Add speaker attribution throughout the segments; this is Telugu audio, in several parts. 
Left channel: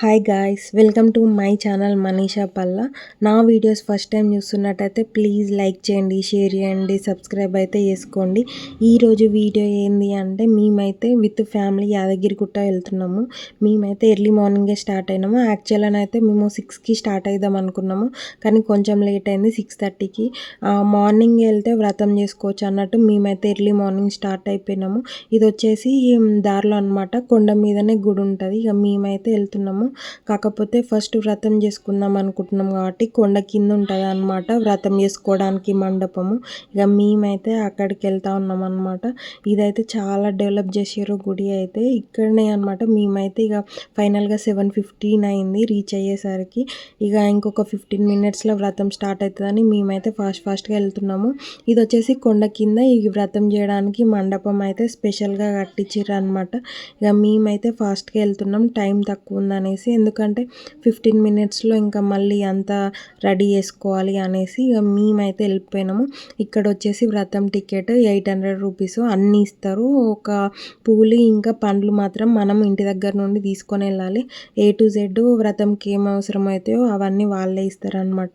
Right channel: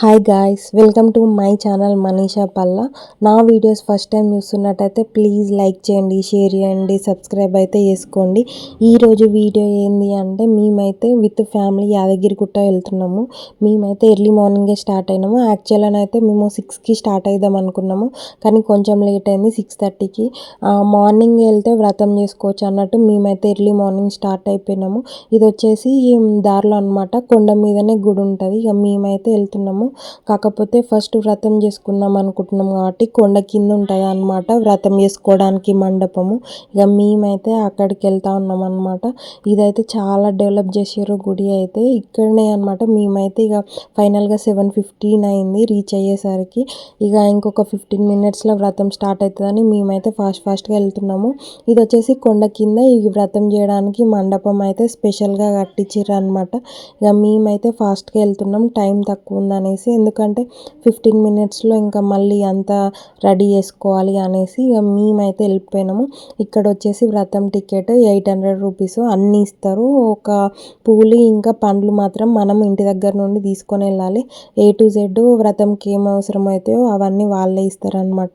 Speaker 1: Hi guys welcome to my channel Manisha Palla నా వీడియోస్ ఫస్ట్ టైం చూస్తున్నట్టయితే ప్లీజ్ లైక్ చేయండి షేర్ చేయండి సబ్స్క్రైబ్ అయితే చేసుకోండి. ఈరోజు వీడియో ఏంది అంటే మేమైతే విత్ ఫ్యామిలీ యాదగిరిగుట్ట వెళ్తున్నాము. మేమైతే ఎర్లీ మార్నింగే స్టార్ట్ అయినాము. యాక్చువల్గా అయితే మేము సిక్స్కి స్టార్ట్ అయిద్దాం అనుకున్నాము. కానీ కొంచెం లేట్ అయింది సిక్స్ థర్టీకి మార్నింగ్ వెళ్తే వ్రతం చేసుకోవచ్చు అన్నట్టు మేమైతే ఎర్లీ మార్నింగ్ స్టార్ట్ అయిపోయినాము. ఇది వచ్చేసి దారిలో అనమాట కొండ మీదనే గుడి ఉంటుంది. ఇక మేమైతే వెళ్తున్నాము. కాకపోతే ఫస్ట్ వ్రతం చేసుకుందాం అనుకుంటున్నాం కాబట్టి కొండ కింద ఉంటుంది అనమాట వ్రతం చేసుకోవడానికి మండపము. ఇక మేమైతే అక్కడికి వెళ్తా ఉన్నాం అనమాట ఇదైతే చాలా డెవలప్ చేసారు గుడి అయితే. ఇక్కడనే అనమాట మేమైతే ఇక ఫైనల్గా సెవెన్ ఫిఫ్టీన్ అయింది రీచ్ అయ్యేసరికి. ఇక ఇంకొక ఫిఫ్టీన్ మినిట్స్లో వ్రతం స్టార్ట్ అవుతుందని మేమైతే ఫాస్ట్ ఫాస్ట్గా వెళ్తున్నాము. ఇది వచ్చేసి కొండ కింద ఈ వ్రతం చేయడానికి మండపం అయితే స్పెషల్గా కట్టించారు అనమాట ఇక మేమైతే ఫాస్ట్గా వెళ్తున్నాం. టైం తక్కువ ఉందని అనేసి ఎందుకంటే ఫిఫ్టీన్ మినిట్స్లో ఇంకా మళ్ళీ అంతా రెడీ చేసుకోవాలి అనేసి ఇక మేమైతే వెళ్ళిపోయినాము. ఇక్కడ వచ్చేసి వ్రతం టికెట్ ఎయిట్ హండ్రెడ్ రూపీస్ అన్నీ ఇస్తారు. ఒక పూలు ఇంకా పండ్లు మాత్రం మనం ఇంటి దగ్గర నుండి తీసుకొని వెళ్ళాలి. ఏ టు జెడ్ వ్రతంకి ఏం అవసరమవుతాయో అవన్నీ వాళ్ళే ఇస్తారనమాట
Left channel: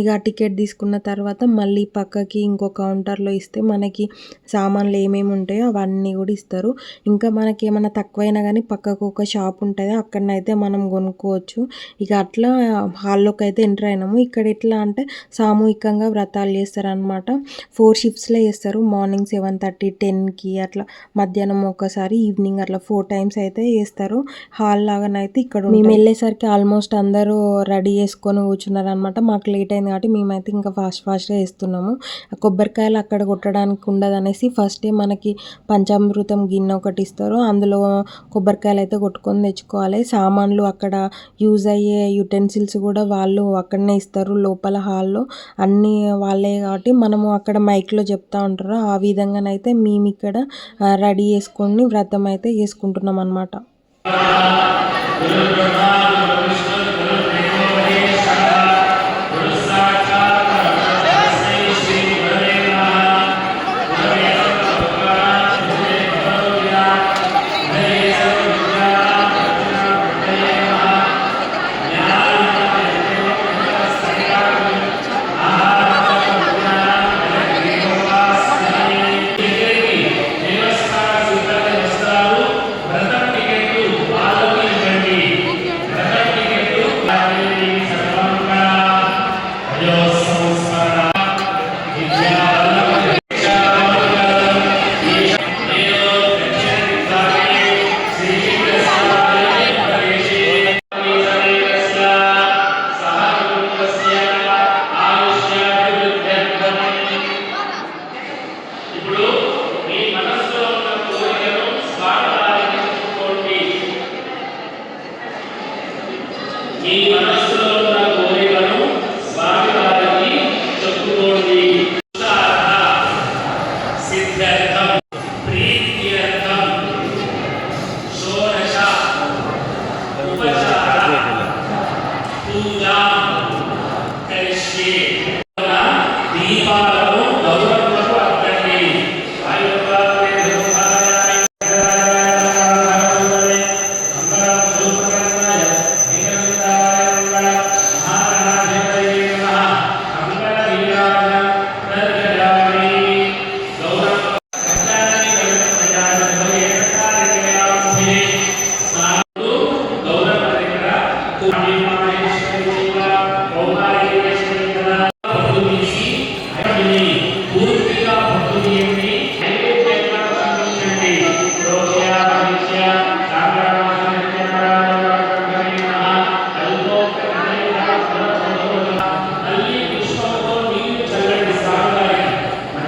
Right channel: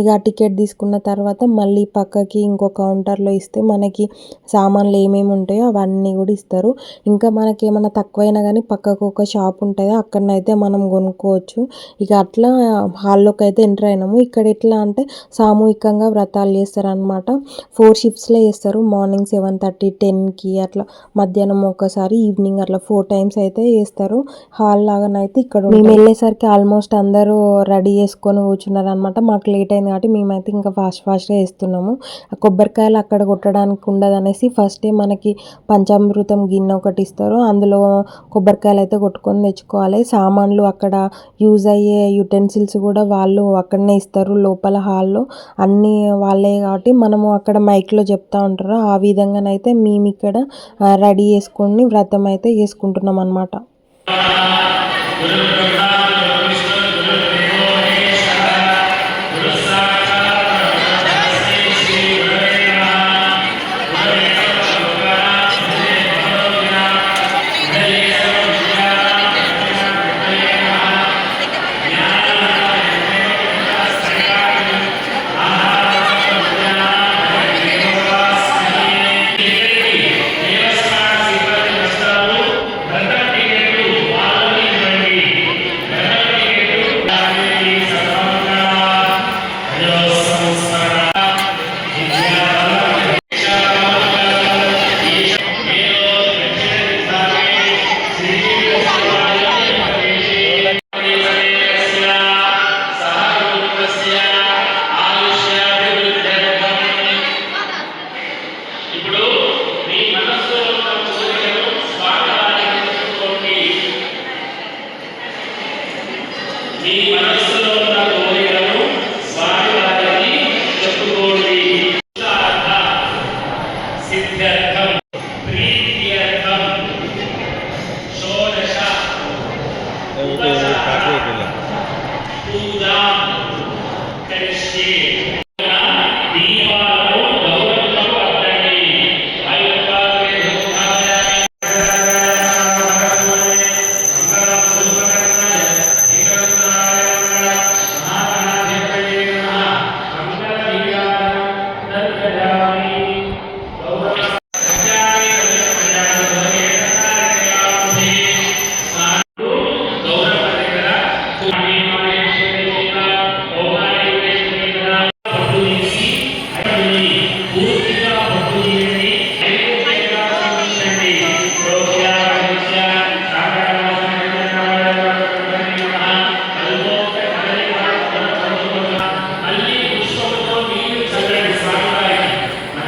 Speaker 1: ఇక టికెట్ తీసుకున్న తర్వాత మళ్ళీ పక్కకి ఇంకో కౌంటర్లో ఇస్తే మనకి సామాన్లు ఏమేమి ఉంటాయో అవన్నీ కూడా ఇస్తారు. ఇంకా మనకి ఏమైనా తక్కువైనా కానీ పక్కకు ఒక షాప్ ఉంటుంది. అక్కడనైతే మనం మనం కొనుక్కోవచ్చు. ఇక అట్లా హాల్లోకి అయితే ఎంటర్ అయినాము. ఇక్కడ ఎట్లా అంటే సామూహికంగా వ్రతాలు చేస్తారనమాట ఫోర్ షిఫ్ట్స్లో చేస్తారు. మార్నింగ్ సెవెన్ థర్టీ టెన్కి అట్లా మధ్యాహ్నం ఒకసారి ఈవినింగ్ అట్లా ఫోర్ టైమ్స్ అయితే చేస్తారు. హాల్ లాగానైతే ఇక్కడ మేము వెళ్ళేసరికి ఆల్మోస్ట్ అందరూ రెడీ చేసుకొని కూర్చున్నారు అనమాట మాకు లేట్ అయింది కాబట్టి మేమైతే ఇంకా ఫాస్ట్ ఫాస్ట్గా వేస్తున్నాము కొబ్బరికాయలు అక్కడ కొట్టడానికి ఉండదు అనేసి ఫస్టే మనకి పంచామృతం గిన్నె ఒకటి ఇస్తారు. అందులో కొబ్బరికాయలు అయితే కొట్టుకొని తెచ్చుకోవాలి. సామాన్లు అక్కడ యూజ్ అయ్యే యుటెన్సిల్స్ కూడా వాళ్ళు అక్కడనే ఇస్తారు. లోపల హాల్లో అన్నీ వాళ్ళే కాబట్టి మనము అక్కడ మైక్లో చెప్తా ఉంటారు. ఆ విధంగానైతే మేము ఇక్కడ రెడీ చేసుకొని వ్రతం అయితే చేసుకుంటున్నాం అనమాట Yeah, come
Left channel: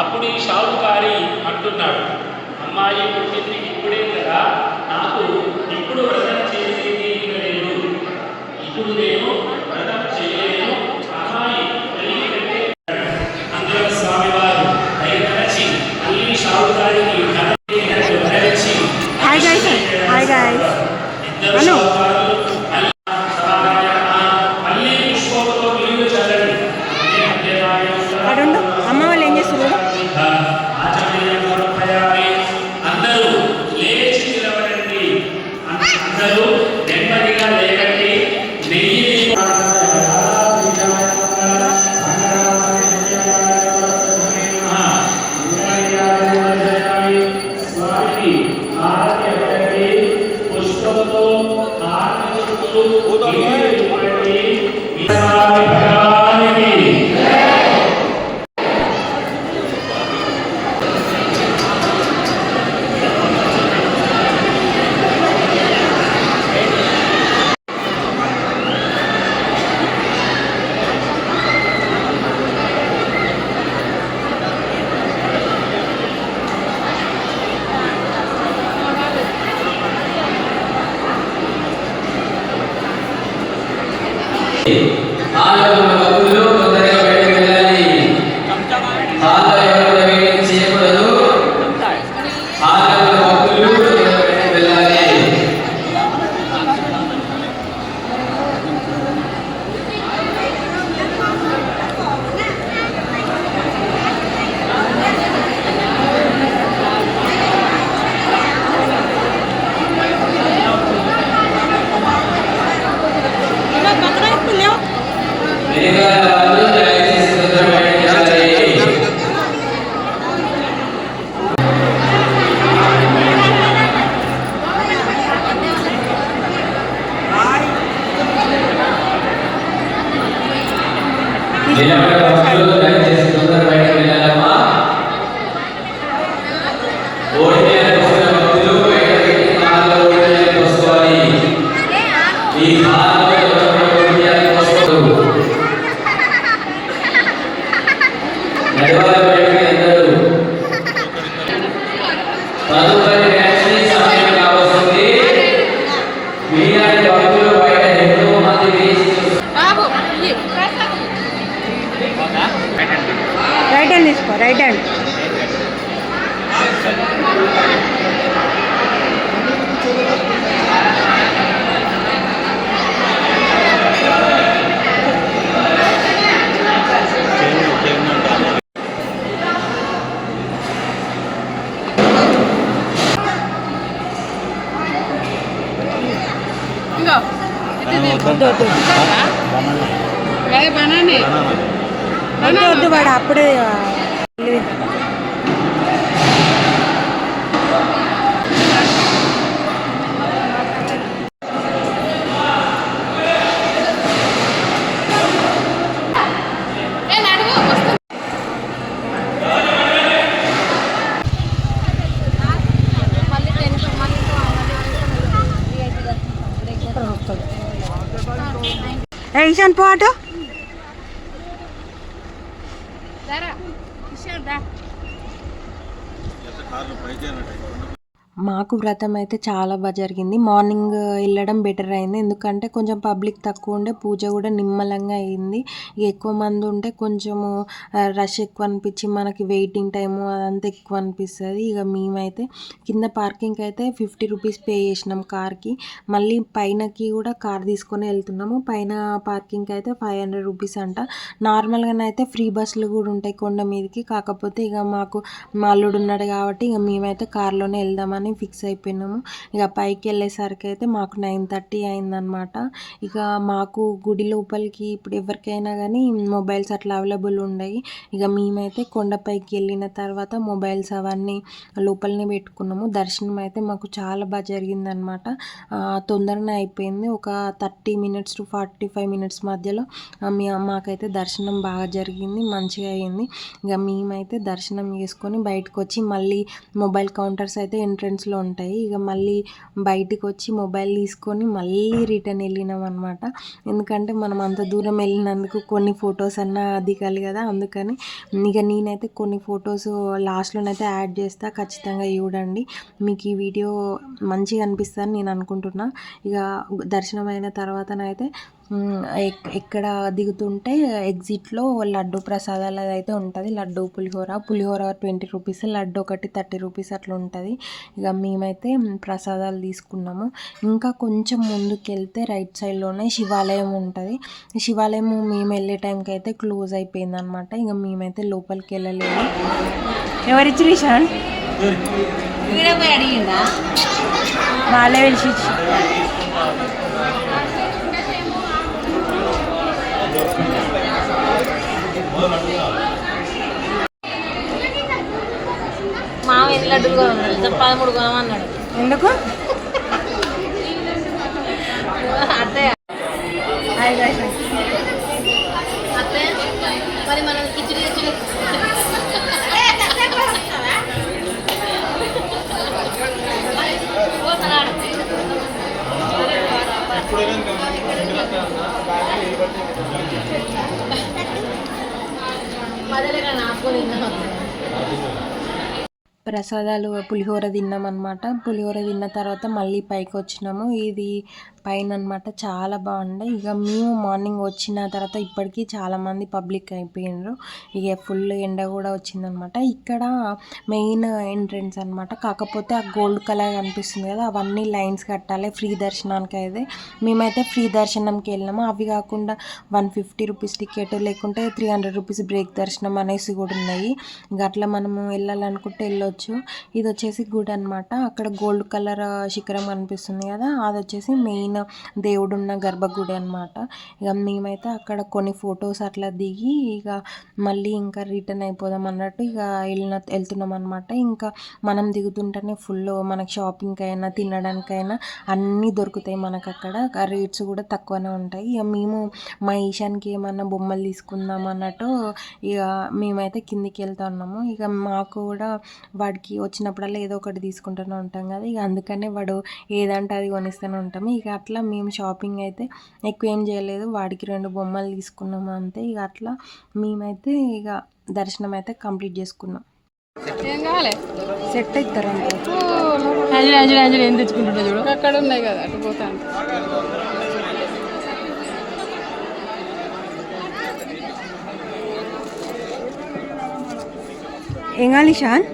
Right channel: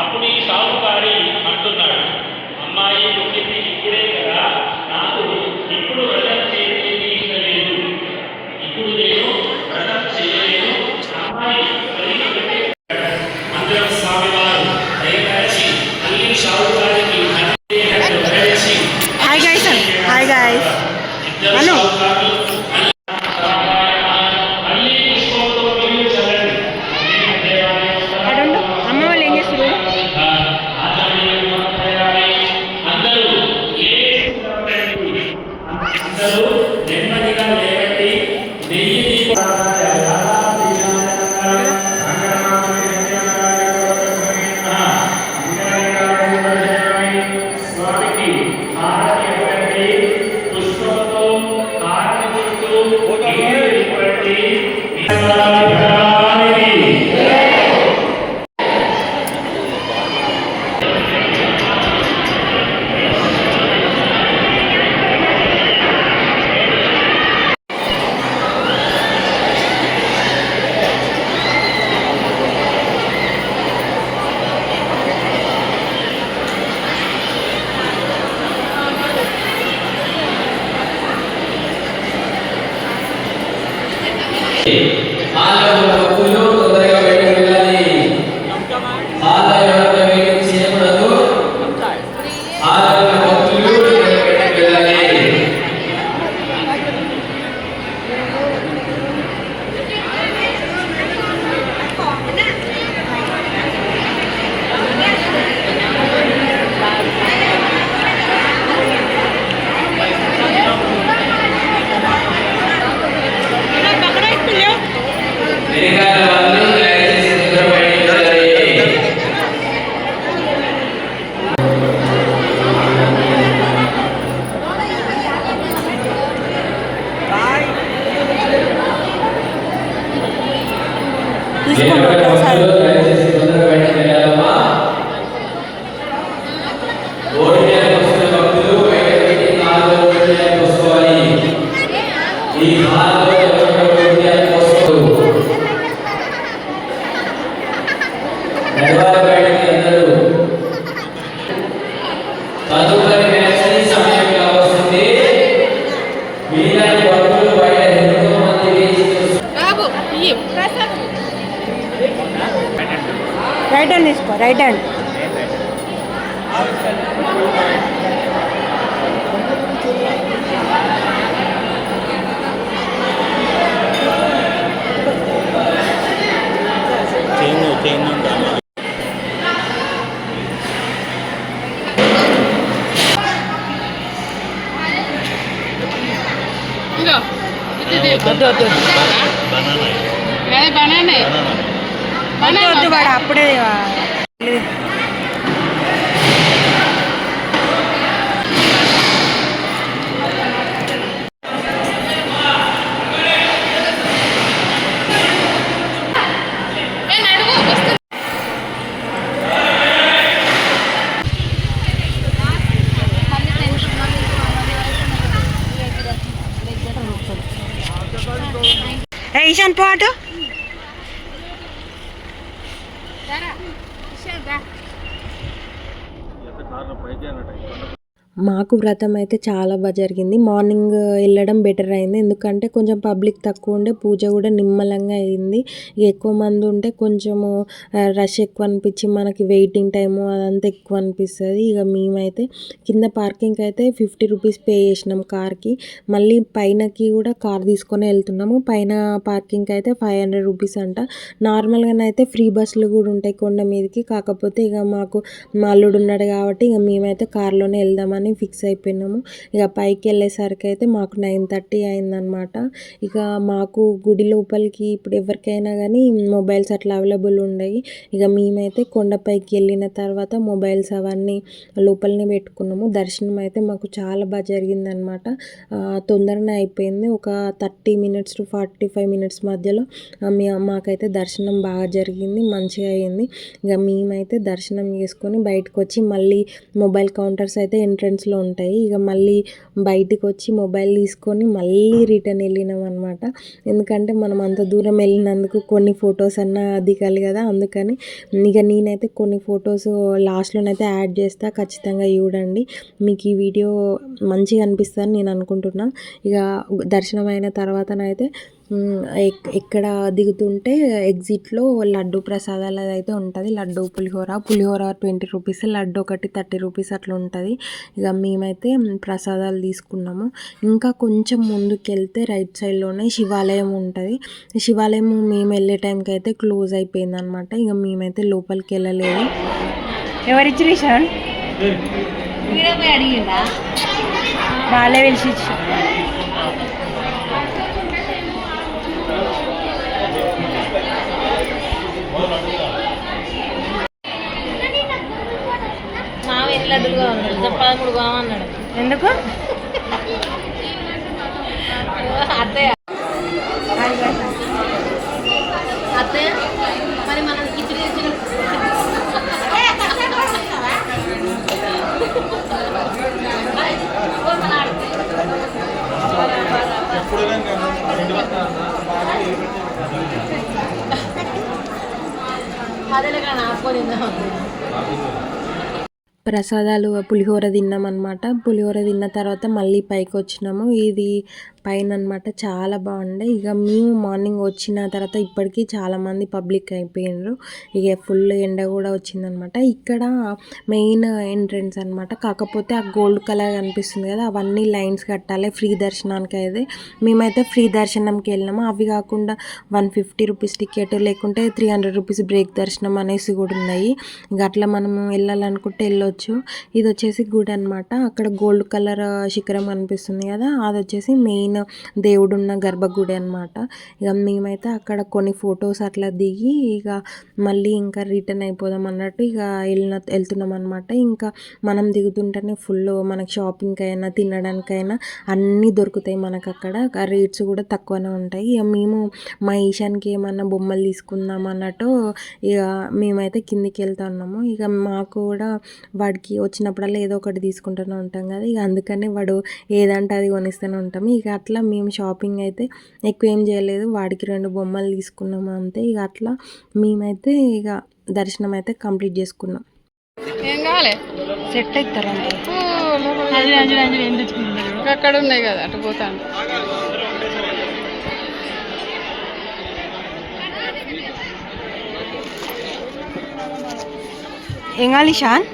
Speaker 1: అప్పుడు ఈ షావుకారి అంటున్నాడు. వెనకాల వాళ్ళు
Speaker 2: వద్దు వాడు అప్పుడే
Speaker 3: ఏ
Speaker 2: ఈశాన్ పాటు మాకు వ్రతం అయితే చాలా బాగా జరిగింది. మార్నింగ్ వెళ్ళడం బెటర్ అయింది. ఎందుకంటే కొంచెం పబ్లిక్ తక్కువ ఉండే పూజ కూడా నిమ్మలంగా అయింది. ఇక ఎక్కువ మంది ఉంటే కొంచెము రష్ ఎక్కువ అనిపించి మనకి వెయిటింగ్ టైము అదంతా ఎక్కువ అనిపిస్తుంది. ఇక మేమైతే కింద పార్కింగ్కి అయితే ఫిఫ్టీ రూపీస్ పే చేసినాం కార్కి. మళ్ళీ పైనకి కూడా కార్ తీసుకొని వెళ్తున్నాము. పైన పార్కింగ్కి అయితే ఫైవ్ హండ్రెడ్ రూపీస్ అంట. నార్మల్గానైతే ఫ్రీ బస్సులు కూడా ఉంటాయి కొండ మీదకి. కాకపోతే ఇక మాకు మా అల్లుడు ఉన్నాడు కాబట్టి ఇక మేమైతే కార్లోనే వెళ్దామని ఫిక్స్ అయిపోయినాము. ఇక పైకి వెళ్ళేసరికి అయితే మాకు నైన్ థర్టీ అయిందనమాట ఇక మాకు గుడి లోపలికి ఇప్పుడు ఎవరికైనా కానీ మొబైల్స్ అట్లా అవైలబుల్ ఉండయి. ఇక మేమైతే కొండపైకి వెళ్ళిన తర్వాత మొబైల్స్ అవన్నీ లోపలనే పెట్టుకున్నాము. దర్శనం అయితే మాకు చాలా బాగా జరిగిందనమాట తొందరనే అయిపోయింది. ఒక thirty minutes to forty five minutes మధ్యలో మీ మాకైతే దర్శనం బాగా జరిగింది. మంచిగా అయింది. ఇక మేమైతే దర్శనం చేసుకొని బయటకు వచ్చి మళ్ళీ మొబైల్ కౌంటర్స్ అయితే ఎంట్రన్స్లో ఉంటాయి. ఇక మళ్ళీ బయటికి వచ్చి మొబైల్ తీసుకొని మళ్ళీ రిటర్న్ వెళ్ళినాం అనమాట ఎందుకంటే మనం అంత దూరం వెళ్ళినందుకు కొన్ని ఫొటోస్ అన్నా దిగాలి కదా అందుకని ఇక నేనైతే కొన్ని ఫొటోస్ లాస్ట్లోనైతే యాడ్ చేస్తా. ఖచ్చితంగా చూడండి. మీకు ఈ వీడియో మంచిగా అనిపిస్తుందని నేను అనుకుంటున్నా. ఇక దర్శనం అయిన తర్వాతనైతే ఎక్కడ దిగుతుంటే ఎగ్జిట్లో లడ్డు ప్రసాదాలు అయితే ఉంటుంది. లడ్డు పులిహోర. పులిహోర ట్వంటీ రూపీస్ లడ్డు ఒకటి థర్టీ రూపీస్ అట్లా ఉంటుంది. ఇక మేమైతే ప్రసాదాలు తీసుకున్నాము. ఇంకా కొంచెం ముందుకు వెళ్తే రైట్ సైడ్లోనే శివాలయం ఉంటుంది. శివాలయం మేము వెళ్ళే టైంకి అయితే క్లోజ్ అయిపోయింది అనమాట ఇక మేమైతే లోపలికి వెళ్ళలేదు. ఎవరిచ్చి రిషాన్ వాళ్ళే పిలిచి
Speaker 4: కొన్నాడు ఇద్దరు పదమూడు కొనమన్నాడు
Speaker 2: ఎందుకు?
Speaker 4: అత్తయ్య. అత్తయ్య మరి మనం
Speaker 2: ప్రసాదాలు పులిహోర తిన్నాం అనమాట పులిహోర తిన్న తర్వాత మళ్ళీ పైకి వచ్చినాము ఇది పైన అనమాట చాలా బాగుండే. ఇక మేము మార్నింగ్ వచ్చిన తర్వాత ఇప్పటికీ చాలామంది పబ్లిక్ అయిపోయినారు. ఇక ఫుల్ ఎండ కూడా వచ్చిందనమాట. ఇక్కడ మెయిన్ ఎంట్రన్స్ అనమాట. కాకపోతే ఆ గోల్డ్ కలర్ కనిపిస్తుంది కదా అవన్నీ లైన్స్ కట్టాలి. ఫ్రీ దర్శనానికి అయితే మేమైతే ఫ్రీ దర్శనంకి వెళ్ళినాము. అవి కాకుండా వన్ ఫిఫ్టీ రూపీస్ టికెట్ లేకుంటే త్రీ హండ్రెడ్ రూపీస్ బ్రేక్ దర్శనం అనేసి కూడా ఉన్నాయి. ఇక అట్లా మనము వెళ్ళాలనుకుంటే వెళ్ళొచ్చు. ఇది వచ్చేసి గుడి అనమాట. అక్కడ గోల్డ్ కలర్ శిఖరం కనిపిస్తుంది కదా అది వచ్చేసి మెయిన్ దేవుడు ఉన్న గర్భగుడి అనమాట ఇక మేమైతే అక్కడ కొన్ని ఫొటోస్ అట్లా దిగి ఇక మళ్ళీ ఇంకా రిటర్న్ అయిపోదాం అన్నట్టు ఇక వెళ్ళిన వెళ్తున్నాం అనమాట ఇంకా మనం దిగుతుంటేనే ఫుల్ మనకి షాపింగ్కి అయినా తినడానికైనా అన్నీ దొరుకుతాయి మనకు అక్కడ. రేట్స్ కూడా తక్కువనే ఉంటాయి. ఇక మేము మా ఈశాన్కి ఏమన్నా బొమ్మలు తీసుకుందాం అన్నట్టు ఇక మేమైతే కిందికి వెళ్తా ఉన్నాము. ఇక మాకు కూడా వాడికి వచ్చినప్పుడల్లా ఏదో ఒకటి తీసుకుంటూనే ఉంటాం కదా. ఇక అందుకనే వాడు ఏదంటే అది కొనిస్తూనే ఉంటాము ఇక అట్లా మేము షాపింగ్ అయితే ఎక్కువ ఏం చేయలేదు. వాడికి రెండు బొమ్మలు తీసుకున్నాము అంతే. ఇక అట్లా మేమైతే ఇక దర్శనం అయితే కంప్లీట్ చేసుకున్నాం.
Speaker 3: ఏం కావాలి?
Speaker 2: సెట్ అవుతారంట
Speaker 3: చూడు అక్కడ ఉన్నాయి కదా అటు పోతాను.
Speaker 2: ఏం కావాలి షాన్?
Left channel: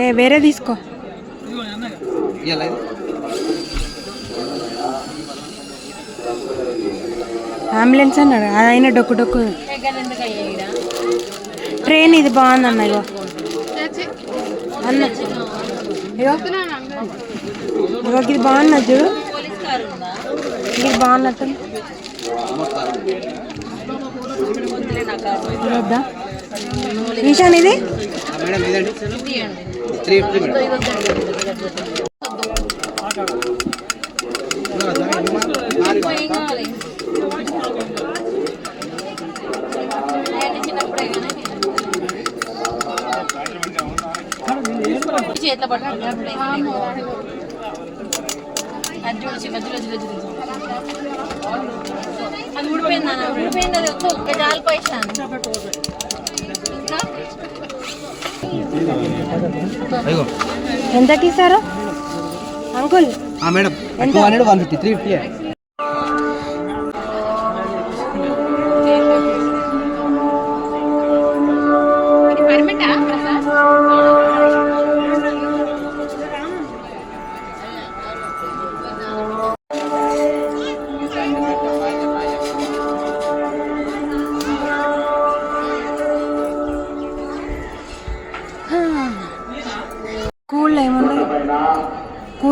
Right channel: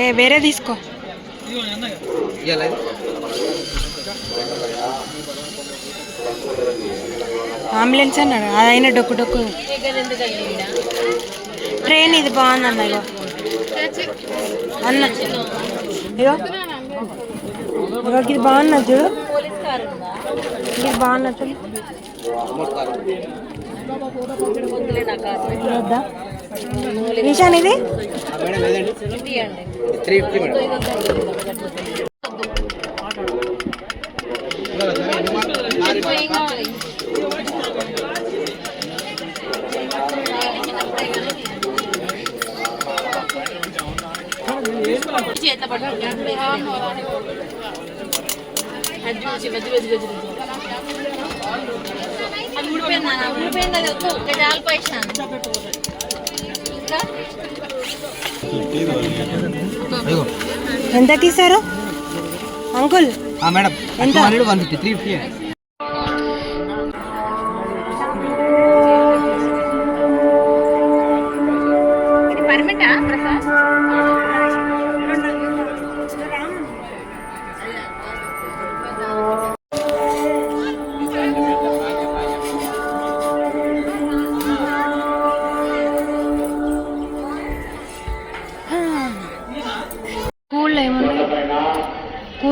Speaker 2: ఏ వేరే తీసుకో. అంబులెన్స్ అన్నాడు. అదైనా డొక్కు డొక్కు. ట్రైన్ ఇది బాగుంది అన్న ఇగో. అన్న ఇగో. ఇగో ఇది బాగున్నది చూడు. ఇది బాగున్నట్టు. వద్దా? ఈశాన్ ఇది.
Speaker 4: ఏం అది ఊడిపోయిందా ఊడిపోయింది అది వద్దు ఒక జాలి పోయిస్తాను ఇంకా
Speaker 2: ఎంత తీసారు అంకుల్
Speaker 5: మేడం
Speaker 2: ఎంత?
Speaker 5: Two hundred one fifty three fifty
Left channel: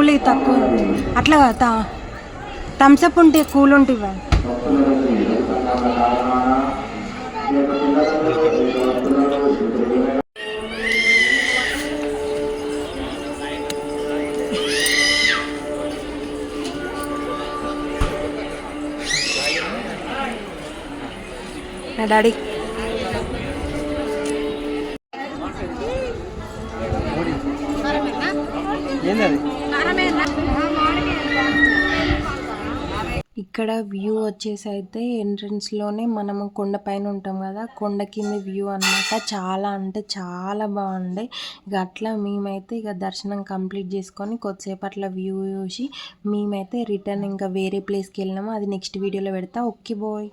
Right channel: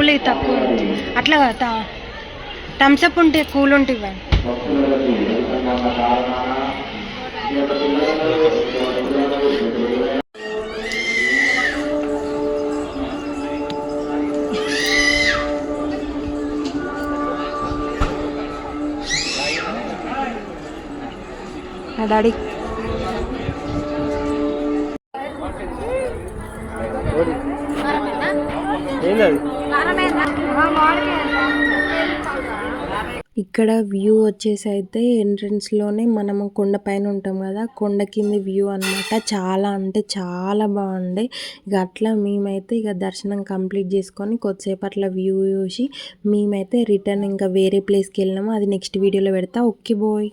Speaker 2: cool తక్కువ అట్లా కదా థమ్స్అప్ ఉంటే కూల్ ఉంటే ఇవ్వండి నా డాడీ ఇక్కడ వ్యూ వచ్చేసి అయితే ఎంట్రన్స్లోనే మనము కొండ పైన ఉంటాం కదా కొండ కింది వ్యూ అన్నమాట. చాలా అంటే చాలా బాగుండే ఇక అట్లా మేమైతే ఇక దర్శనం కంప్లీట్ చేసుకొని కొద్దిసేపు అట్లా వ్యూ చూసి మేమైతే రిటర్న్ ఇంకా వేరే ప్లేస్కి వెళ్ళినాము. అది నెక్స్ట్ వీడియోలో పెడతా. Okay bye.